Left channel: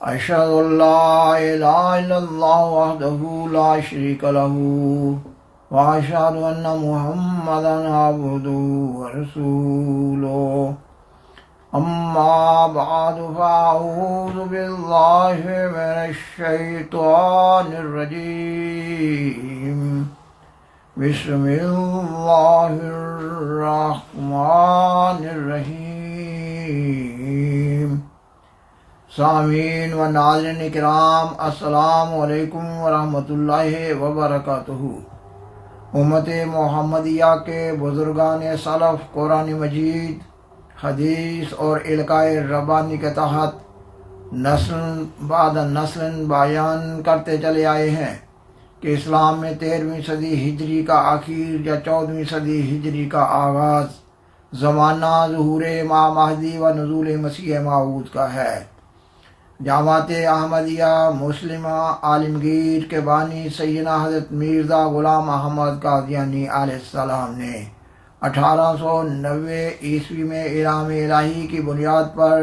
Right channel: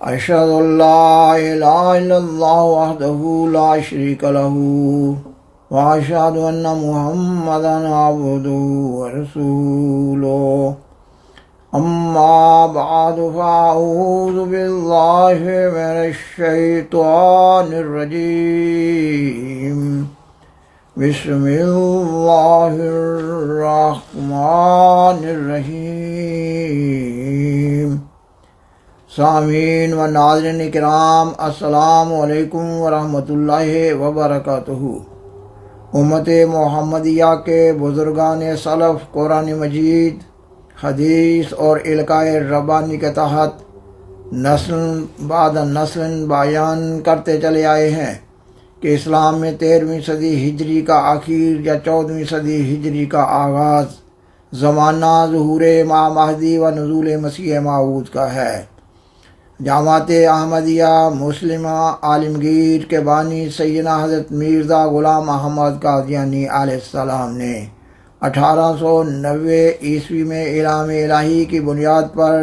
أشهد أن لا إله إلا الله وحده لا شريك له وأشهد أن محمدا عبده ورسوله أما بعد فأعوذ بالله من الشيطان الرجيم بسم الله الرحمن الرحیم۔ سامعین و ناظرین کرام، السلام علیکم ورحمۃ اللہ وبرکاتہ۔ امت محمدیہ کے بزرگان سلف قرآن مجید، حدیث اور القائے ربانی کے تحت نسل بعد نسل بیان کرتے چلے آئے ہیں کہ اسلام میں 13ویں صدی ہجری کا آخر یا 14ویں صدی ہجری کا آغاز زمانہ ظہور امام مہدی و نزول مسیح موعود کا ہے۔ جماعت احمدیہ مسلمہ عالمگیر کے بانی سیدنا حضرت مرزا غلام احمد قادیانی علیہ السلام نے 1890 عیسوی میں اعلام الہی کی بنیاد پر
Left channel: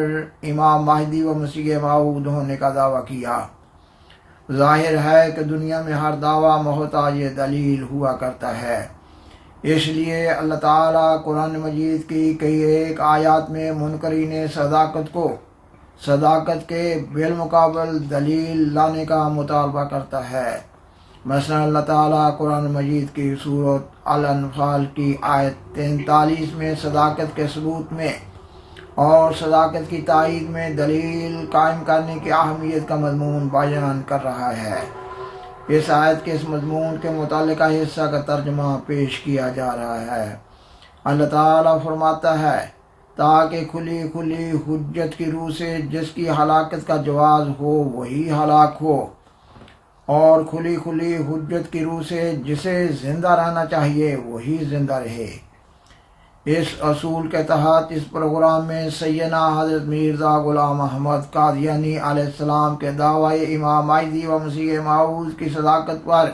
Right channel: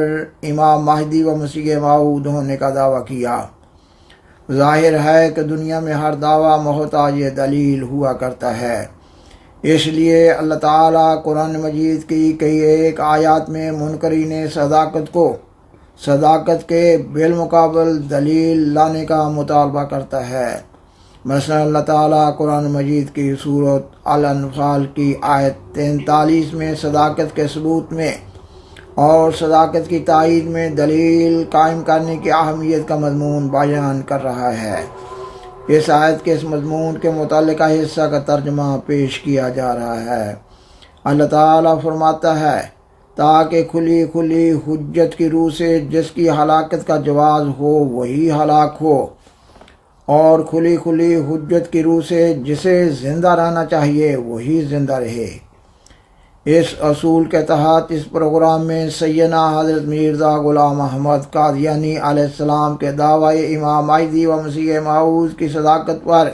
امام مہدی و مسیح موعود ہونے کا دعویٰ کیا۔ ظاہر ہے کہ دنیا میں ہر دعویٰ محتاج دلیل ہوا کرتا ہے، اس لیے اللہ تعالیٰ قرآن مجید کی کئی ایک آیات میں منکرین صداقت کے بالمقابل دلیل لانے کا مطالبہ کرتا ہے۔ مثلا اللہ تعالیٰ قرآن مجید کی سورۃ الانفال کی آیت 43 میں صداقت کے ثبوت میں اور صداقت کی تائید میں دلیل قائم کرنے کی اہمیت کا مضمون بیان کر رہا ہے۔ اس آیت کے اس مضمون کے متعلقہ حصہ کا ترجمہ پیش کیا جا رہا ہے۔ اللہ تعالیٰ فرماتا ہے، تاکہ کھلی کھلی حجت کی روح سے جس کی ہلاکت کا جواز ہو وہی ہلاک ہو، اور کھلی کھلی حجت کی روح سے جسے زندہ رہنا چاہیے وہی زندہ رہے۔ اس اصول کے تحت اس پروگرام میں سیدنا حضرت مرزا غلام احمد قادیانی علیہ السلام کے دعوی امام مہدی و مسیح موعود کی صداقت پر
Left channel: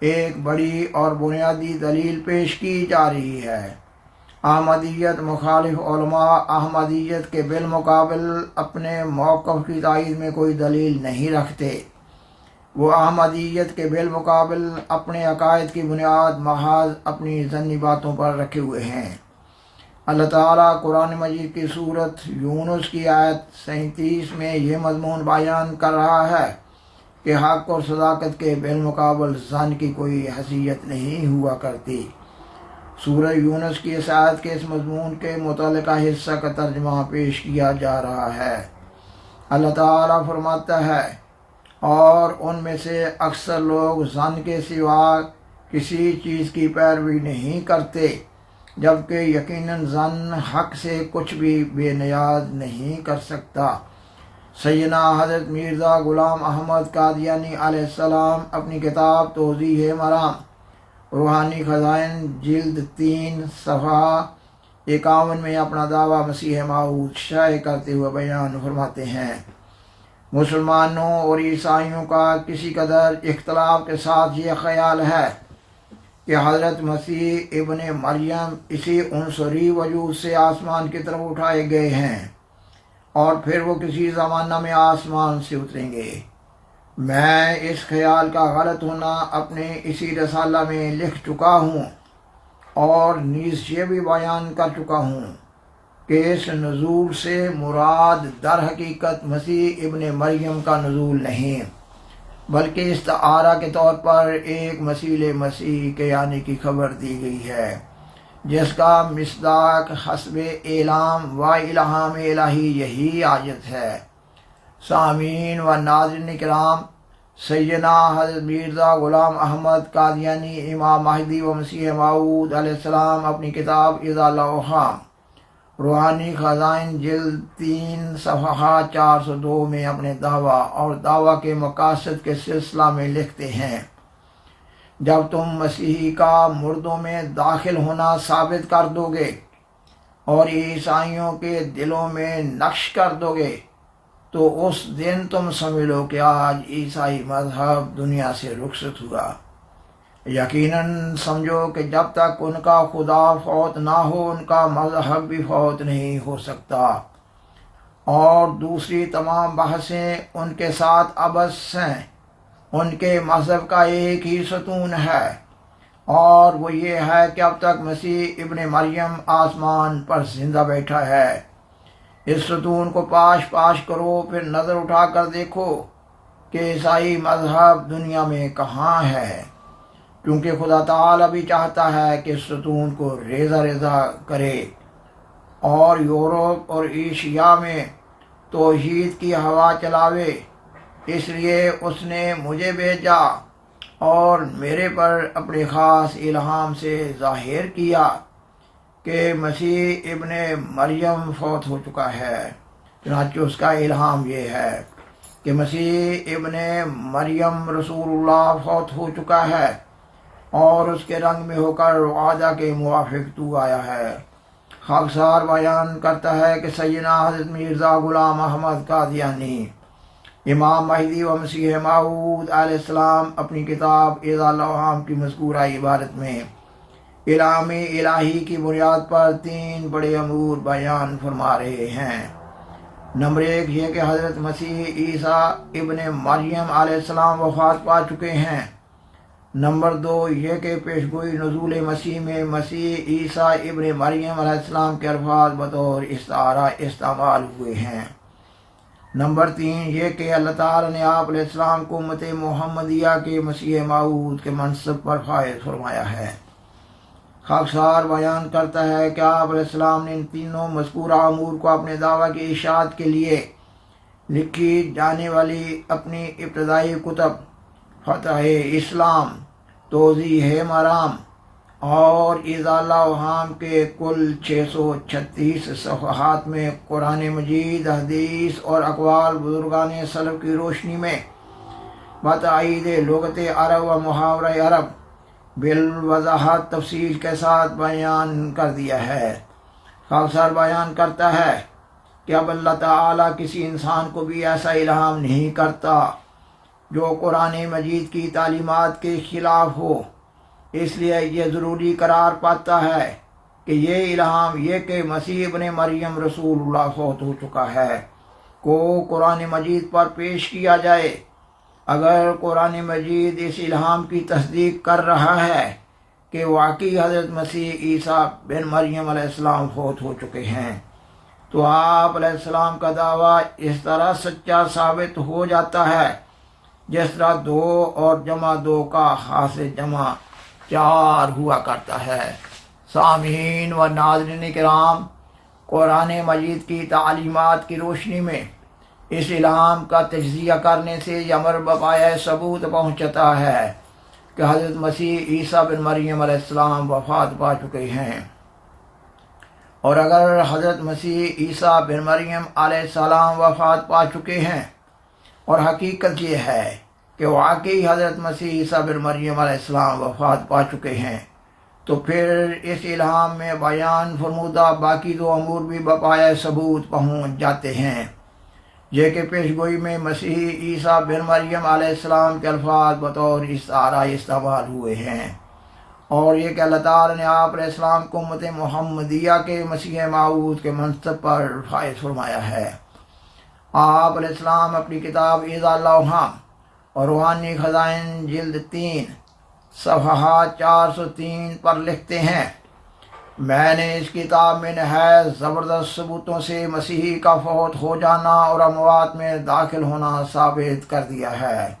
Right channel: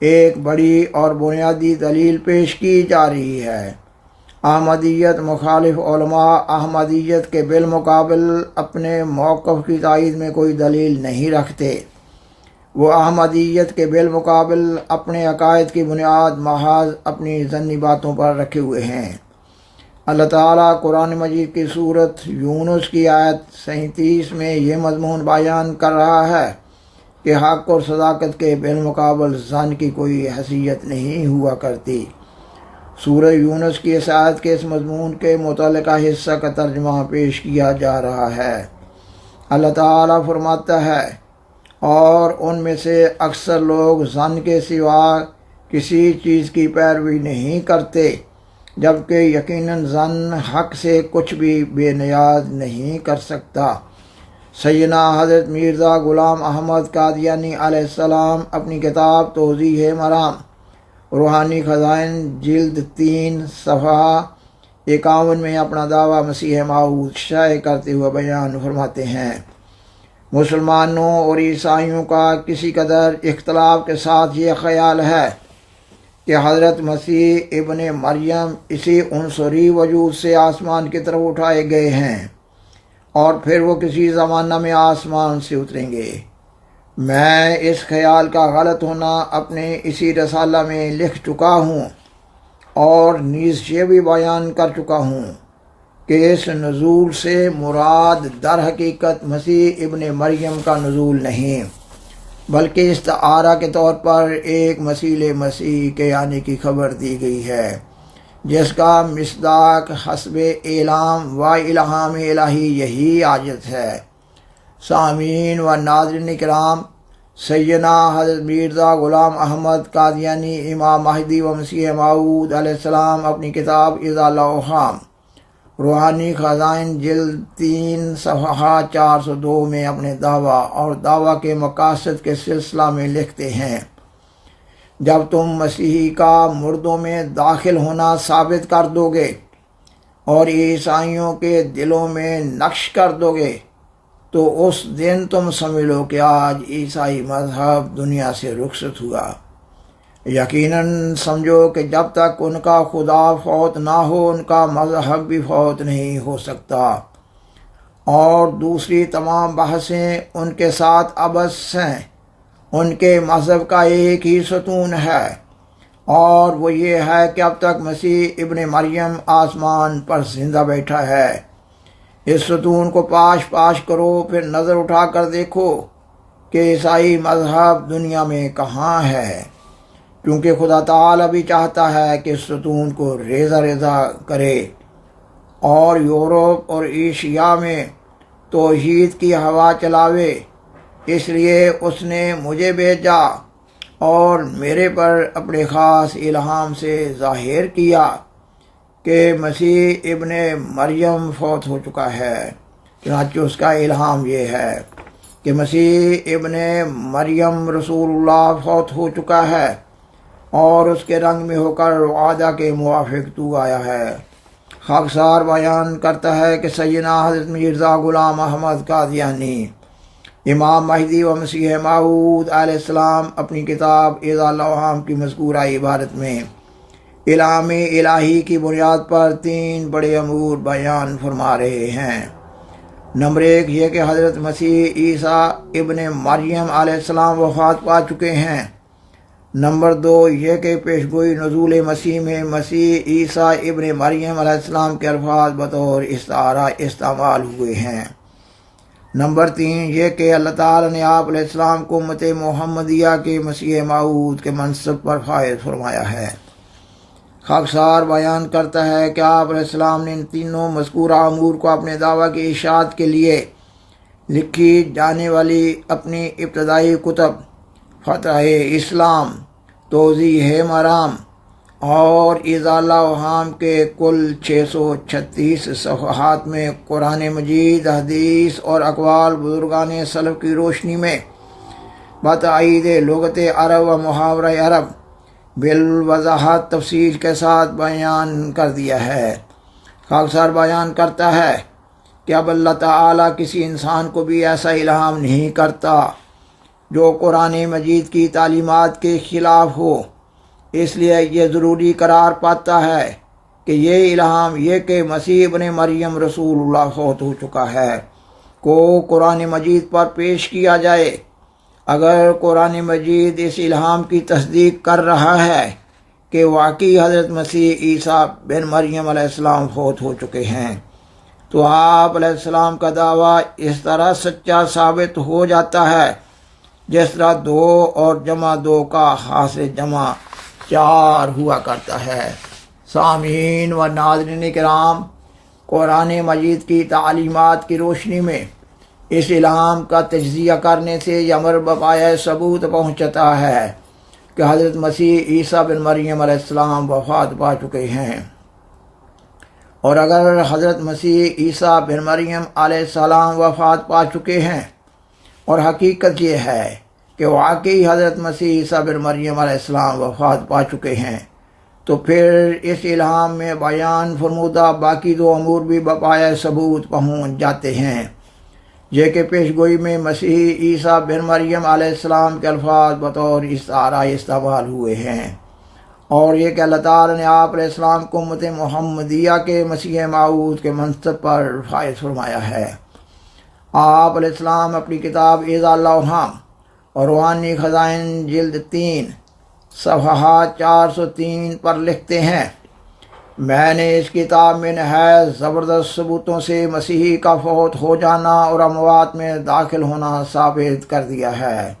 ایک بڑی اور بنیادی دلیل پیش کی جا رہی ہے۔ احمدیت مخالف علماء احمدیت کے بالمقابل اپنے موقف کی تائید میں کوئی دلیل نہیں رکھتے۔ وہ احمدیت کے بالمقابل اپنے عقائد کی بنیاد محض اپنی ظنی باتوں پر رکھے ہوئے ہیں۔ اللہ تعالیٰ قرآن مجید کی سورۃ یونس کی آیت 37 میں یہ مضمون بیان کر رہا ہے کہ حق اور صداقت کے بالمقابل ظن کی کوئی حیثیت نہیں ہوا کرتی۔ سورہ یونس کی اس آیت کے اس مضمون کے متعلقہ حصہ کا ترجمہ پیش کیا جا رہا ہے۔ اللہ تعالیٰ فرماتا ہے، اور ان میں سے اکثر لوگ ظن کے سوا کسی چیز کی پیروی نہیں کرتے، جبکہ یقیناً ظن حق سے کچھ بھی بے نیاز نہیں کر سکتا۔ سیدنا حضرت مرزا غلام احمد قادیانی علیہ السلام اپنی کتاب توضیح مرام روحانی خزائن جلد 3 صفحہ 51 میں اپنا دعویٰ مسیح موعود شائع کرتے ہوئے بیان فرماتے ہیں، مسلمانوں اور عیسائیوں کا کسی قدر اختلاف کے ساتھ یہ خیال ہے کہ حضرت مسیح ابن مریم اسی عنصری وجود سے آسمان کی طرف اٹھائے گئے ہیں اور پھر وہ کسی زمانہ میں آسمان سے اتریں گے۔ میں اس خیال کا غلط ہونا اپنے اسی رسالہ میں لکھ چکا ہوں اور نیز یہ بھی بیان کر چکا ہوں کہ اس نزول سے مراد در حقیقت مسیح ابن مریم کا نزول نہیں، بلکہ استعارہ کے طور پر ایک مثیل مسیح کے آنے کی خبر دی گئی ہے، جس کا مصداق حسب اعلام و الہام الہی یہی آیت ہے۔ سامعین و ناظرین کرام، سیدنا حضرت مرزا غلام احمد قادیانی امام مہدی و مسیح موعود علیہ السلام اپنی کتاب اذا الاوہام روحانی خزائن جلد 3 صفحہ 402 میں اپنے دعویٰ اور دعویٰ کے مقاصد کے سلسلہ میں لکھتے ہیں، جب تم مسیحی کا مردوں میں داخل ہونا ثابت کر دو گے اور عیسائیوں کے دلوں میں نقش کر دو گے تو اس دن تم سمجھ لو کہ آج عیسائی مذہب دنیا سے رخصت ہوا۔ یقیناً سمجھو کہ جب تک ان کا خدا فوت نہ ہو ان کا مذہب بھی فوت نہیں ہو سکتا، اور دوسری تمام بحثیں ان کے ساتھ عبث ہیں۔ ان کے مذہب کا ایک ہی ستون ہے، اور وہ یہ ہے کہ اب تک مسیح ابن مریم آسمان پر زندہ بیٹھا ہے۔ اس ستون کو پاش پاش کرو، پھر نظر اٹھا کر دیکھو کہ عیسائی مذہب دنیا میں کہاں ہے، کیونکہ خدا تعالیٰ بھی چاہتا ہے کہ اس ستون کو ریزہ ریزہ کرے اور یورپ اور ایشیا میں توحید کی ہوا چلاوے۔ اس لیے اس نے مجھے بھیجا اور میرے پر اپنے خاص الہام سے ظاہر کیا کہ مسیح ابن مریم فوت ہو چکا ہے۔ چنانچہ اس کا الہام یہ ہے کہ مسیح ابن مریم رسول اللہ فوت ہو چکا ہے اور اس کے رنگ میں ہو کر وعدہ کے موافق تو آیا ہے۔ خاکسار بیان کرتا ہے کہ سیدنا حضرت مرزا غلام احمد قادیانی، امام مہدی و مسیح موعود علیہ السلام، اپنی کتاب اعضاء الاوہام کی مذکورہ عبارت میں الہام الہی کی بنیاد پر 3 بڑے امور بیان فرما رہے ہیں۔ نمبر 1 یہ کہ حضرت مسیح عیسیٰ ابن مریم علیہ السلام وفات پا چکے ہیں۔ نمبر 2 یہ کہ پیشگوئی نزول مسیح میں مسیح عیسیٰ ابن مریم علیہ السلام کے الفاظ بطور استعارہ استعمال ہوئے ہیں۔ نمبر 3 یہ کہ اللہ تعالیٰ نے آپ علیہ السلام کو امت محمدیہ کے مسیح موعود کے منصب پر فائز فرمایا ہے۔ خاکسار بیان کرتا ہے کہ آپ علیہ السلام نے ان تینوں مذکورہ امور کو اپنے دعویٰ کی اشاعت کے لیے لکھی جانے والی اپنی ابتدائی کتب فتح اسلام، توضیح مرام اور اعضاء الاوہام کے کل 636 صفحات میں قرآن مجید، حدیث اور اقوال بزرگان سلف کی روشنی میں بتائید لغت عرب و محاورہ عرب بالوضاحت تفصیل کے ساتھ بیان کر دیا ہے۔ خاکسار بیان کرتا ہے کہ اب اللہ تعالیٰ کسی انسان کو بھی ایسا الہام نہیں کرتا جو قرآن مجید کی تعلیمات کے خلاف ہو۔ اس لیے یہ ضروری قرار پاتا ہے کہ یہ الہام یہ کہ مسیح ابن مریم رسول اللہ فوت ہو چکا ہے کو قرآن مجید پر پیش کیا جائے۔ اگر قرآن مجید اس الہام کی تصدیق کر رہا ہے کہ واقعی حضرت مسیح عیسیٰ بن مریم علیہ السلام فوت ہو چکے ہیں، تو آپ علیہ السلام کا دعویٰ اس طرح سچا ثابت ہو جاتا ہے جس طرح 2 اور جمع 2 کا حاصل جمع 4 ہوا کرتا ہے۔ سامعین و ناظرین کرام، قرآن مجید کی تعلیمات کی روشنی میں اس الہام کا تجزیہ کرنے سے یہ امر بپایہ ثبوت پہنچتا ہے کہ حضرت مسیح عیسیٰ بن مریم علیہ السلام وفات پا چکے ہیں۔ اور اگر حضرت مسیح عیسیٰ بن مریم علیہ السلام وفات پا چکے ہیں اور حقیقت یہ ہے کہ واقعی حضرت مسیح عیسیٰ بن مریم علیہ السلام وفات پا چکے ہیں، تو پھر اس الہام میں بیان فرمودہ باقی 2 امور بھی بپایہ ثبوت پہنچ جاتے ہیں، یہ کہ پیشگوئی میں مسیح عیسیٰ بن مریم علیہ السلام کے الفاظ بطور استعارہ استعمال ہوئے ہیں، اور یہ کہ اللہ تعالیٰ نے آپ علیہ السلام کو امت محمدیہ کے مسیح موعود کے منصب پر فائز فرمایا ہے۔ آپ علیہ السلام اپنی کتاب اعضاء الاوہام اور روحانی خزائن جلد 3 صفحات 403 پر لکھتے ہیں، میں نے اس کتاب میں نہایت زبردست ثبوتوں سے مسیحی کا فوت ہو جانا اور اموات میں داخل ہونا ثابت کر دیا ہے،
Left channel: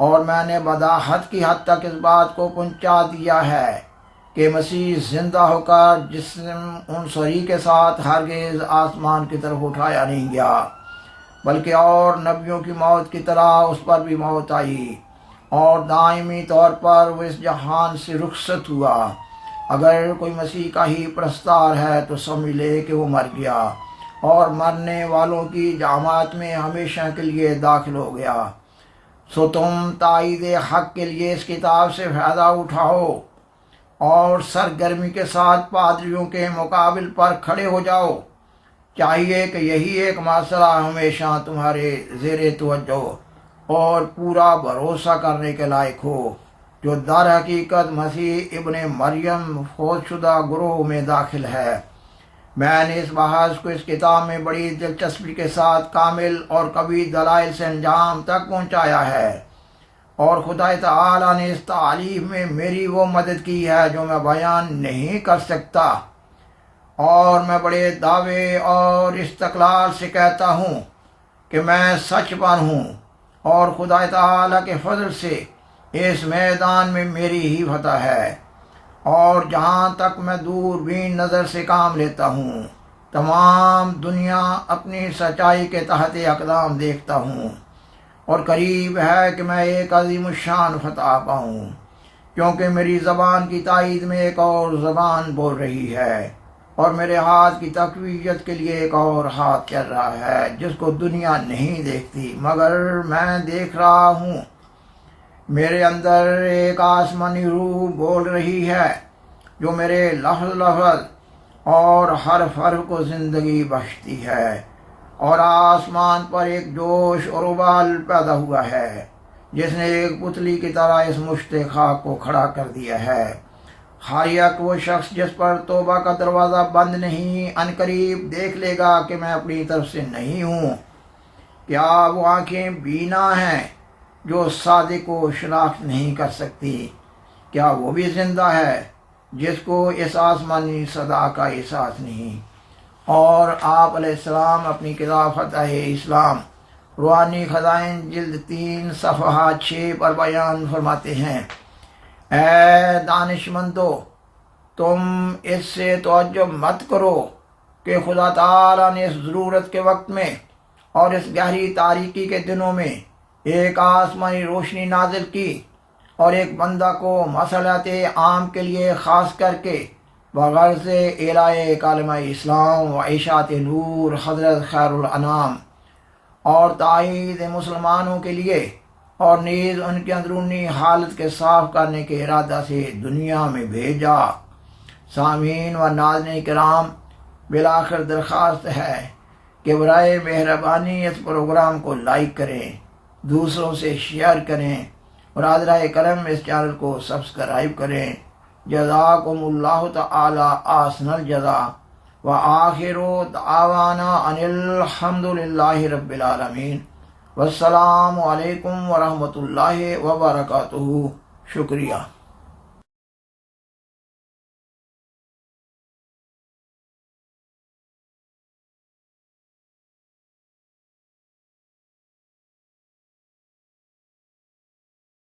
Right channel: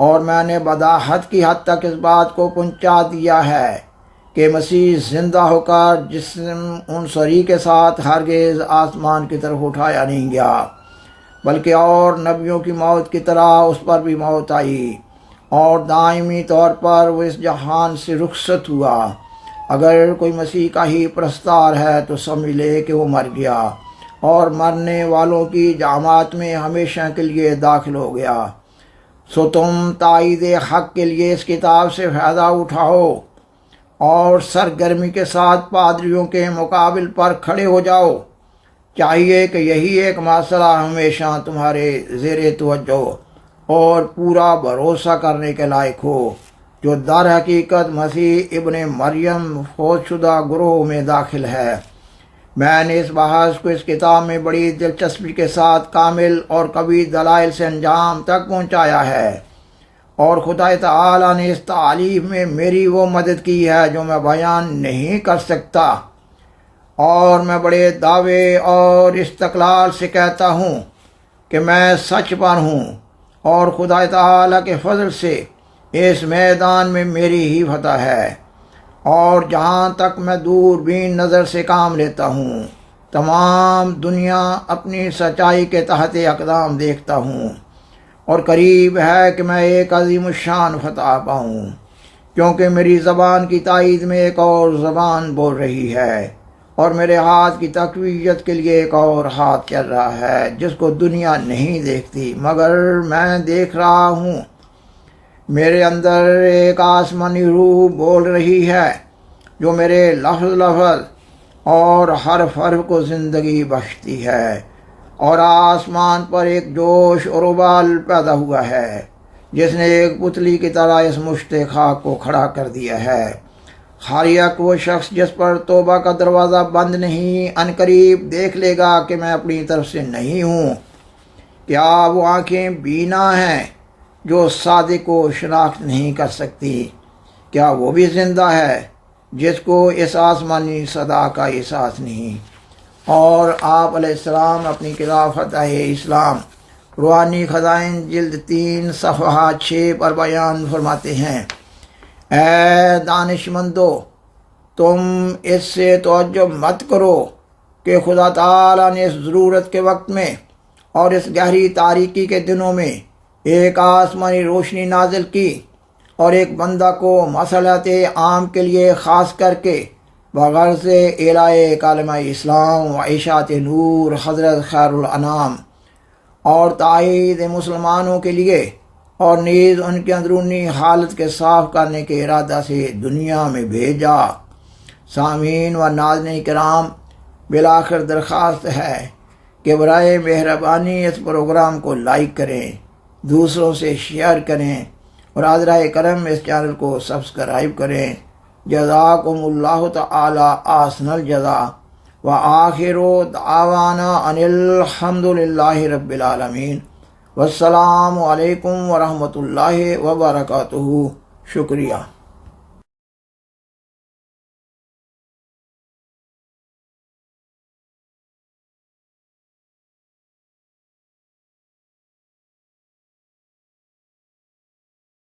اور میں نے بداحت کی حد تک اس بات کو پہنچا دیا ہے کہ مسیح زندہ ہو کر جسم عنصری کے ساتھ ہرگز آسمان کی طرف اٹھایا نہیں گیا، بلکہ اور نبیوں کی موت کی طرح اس پر بھی موت آئی اور دائمی طور پر وہ اس جہان سے رخصت ہوا۔ اگر کوئی مسیح کا ہی پرستار ہے تو سمجھ لے کہ وہ مر گیا اور مرنے والوں کی جماعت میں ہمیشہ کے لیے داخل ہو گیا۔ سو تم تائید حق کے لیے اس کتاب سے فائدہ اٹھاؤ اور سرگرمی کے ساتھ پادریوں کے مقابل پر کھڑے ہو جاؤ۔ چاہیے کہ یہی ایک مسئلہ ہمیشہ تمہارے زیر توجہ اور پورا بھروسہ کرنے کے لائق ہو، جو در حقیقت مسیح ابن مریم فوت شدہ گروہ میں داخل ہے۔ میں نے اس بحث کو اس کتاب میں بڑی دلچسپی کے ساتھ کامل اور قوی دلائل سے انجام تک پہنچایا ہے، اور خدا تعالی نے اس تعلیم میں میری وہ مدد کی ہے جو میں بیان نہیں کر سکتا، اور میں بڑے دعوے اور استقلال سے کہتا ہوں کہ میں سچ پر ہوں، اور خدا تعالی کے فضل سے اس میدان میں میری ہی فتح ہے، اور جہاں تک میں دوربین نظر سے کام لیتا ہوں تمام دنیا اپنی سچائی کے تحت اقدام دیکھتا ہوں، اور قریب ہے کہ میں ایک عظیم الشان فتح پاؤں، کیونکہ میری زبان کی تائید میں ایک اور زبان بول رہی ہے، اور میرے ہاتھ کی تقویت کے لیے ایک اور ہاتھ چل رہا ہے جس کو دنیا نہیں دیکھتی مگر میں دیکھ رہا ہوں۔ میرے اندر ایک آسمانی روح بول رہی ہے جو میرے لفظ لفظ اور حرف حرف کو زندگی بخشتی ہے، اور آسمان پر ایک جوش اور ابال پیدا ہوا ہے جس نے ایک پتلی کی طرح اس مشت خاک کو کھڑا کر دیا ہے۔ خاریک وہ شخص جس پر توبہ کا دروازہ بند نہیں عنقریب دیکھ لے گا کہ میں اپنی طرف سے نہیں ہوں۔ کیا وہ آنکھیں بینا ہیں جو صادق کو شناخت نہیں کر سکتی؟ کیا وہ بھی زندہ ہے جس کو اس آسمانی صدا کا احساس نہیں؟ اور آپ علیہ السلام اپنی کتاب فتح اسلام روحانی خزائن جلد 3 صفحہ 6 پر بیان فرماتے ہیں، اے دانش مندو، تم اس سے تعجب مت کرو کہ خدا تعالیٰ نے اس ضرورت کے وقت میں اور اس گہری تاریکی کے دنوں میں ایک آسمانی روشنی نازل کی، اور ایک بندہ کو مصلحت عام کے لیے خاص کر کے بغرض اعلاء کلمہ اسلام و اشاعت نور حضرت خیر الانام اور تائید مسلمانوں کے لیے، اور نیز ان کی اندرونی حالت کے صاف کرنے کے ارادہ سے دنیا میں بھیجا۔ سامعین و ناظرین کرام، بالآخر درخواست ہے کہ برائے مہربانی اس پروگرام کو لائک کریں، دوسروں سے شیئر کریں، اور حضرہ کرم اس چینل کو سبسکرائب کریں۔ جزاکم اللہ تعالی احسن الجزا، وآخر دعوانا ان الحمد للہ رب العالمین، والسلام علیکم ورحمۃ اللہ وبرکاتہ۔ شکریہ۔